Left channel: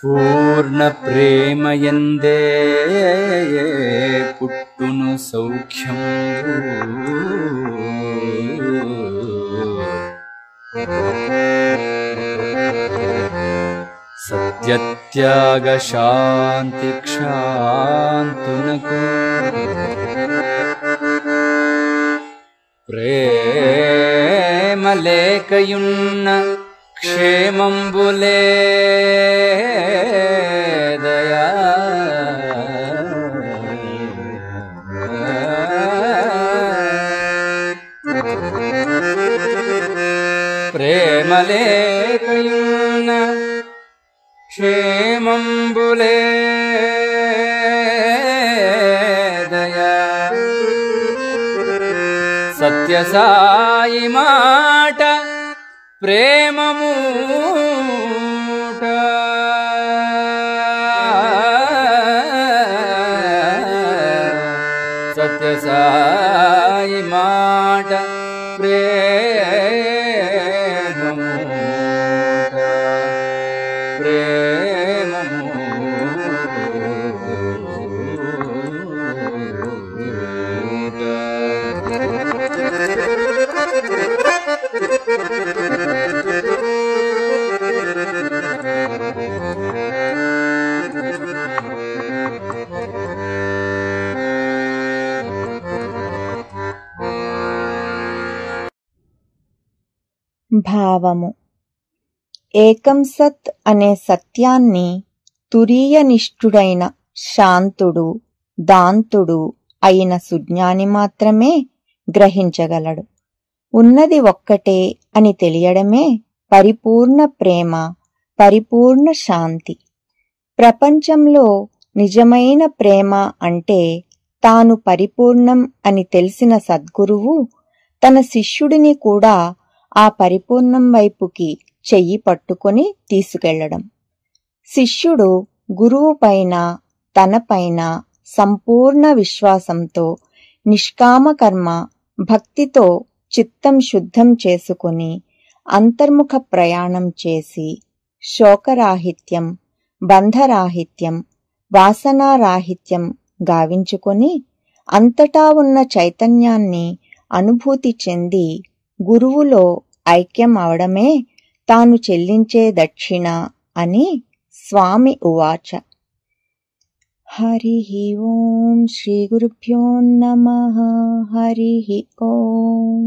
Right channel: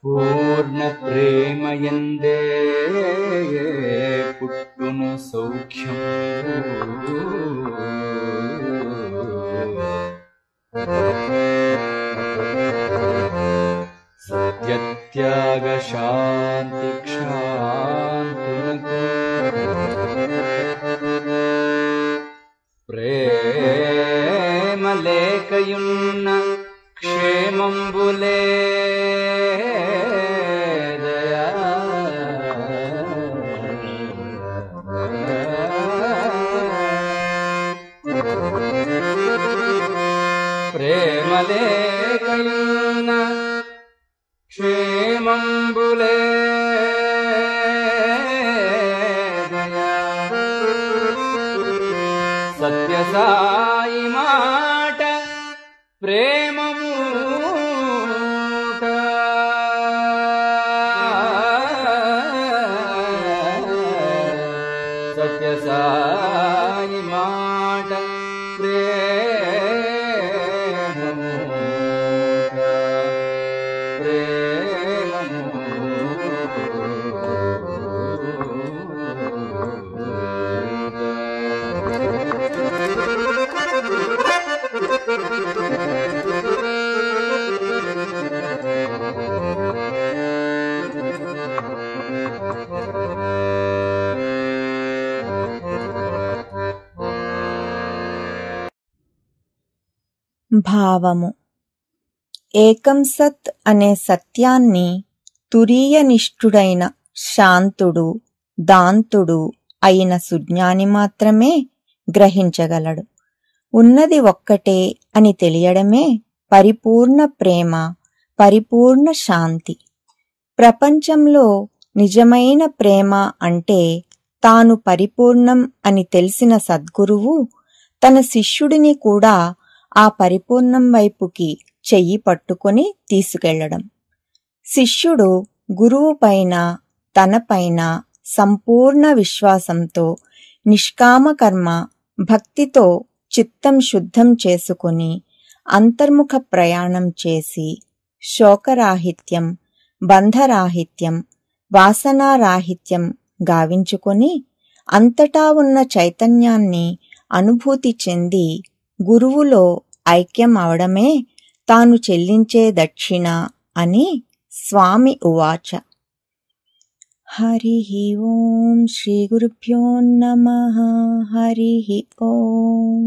పూర్ణ ప్రేమయందే పుట్టును సౌఖ్యం సత్యత్యాగ శాంతి క్షాంతునకు ప్రేమ లేకయున్న క్షేమంబులే దయా ప్రేమ లేకయున్న క్షేమంబులే దయా సత్య సాయి మాట ప్రేమమూట సత్య సాయి మాట ప్రేమమూట భావము. ఏకం సత్ అనే సత్యాన్ని తురీయనిష్ఠుడైన శాంతుడు దాంతుడు అయిన సుజ్ఞాని మాత్రమే గ్రహించగలడు. ఉన్నది ఒక్కటే అని తెలియడమే పరిపూర్ణ ప్రేమ, పరిపూర్ణ శాంతి. ప్రపంచంలో నిజమైన ప్రేమ అంటే తాను పరిపూర్ణం అని తెలిసిన సద్గురువు తన శిష్యుడిని కూడా ఆ పరిపూర్ణం వైపుకి చెయ్యి పట్టుకొని తీసుకెళ్లడం. శిష్యుడు గురువు పైన తనపైన సంపూర్ణ విశ్వాసంతో నిష్కామ కర్మ భక్తితో చిత్తం శుద్ధం చేసుకుని అంతర్ముఖ ప్రయాణం చేసి శోకరాహిత్యం, బంధరాహిత్యం, వాసనారాహిత్యం గావించుకొని అంతటా ఉన్న చైతన్యాన్ని అనుభూతి చెంది గురువులో ఐక్యం అవడమే తాను చెల్లించే దక్షిణ అని స్వామి ఉవాచ. హరి ఓం శ్రీ గురుభ్యో నమః. హరి ఓం.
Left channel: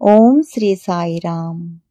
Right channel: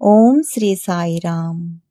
ఓం శ్రీ సాయిరామ్.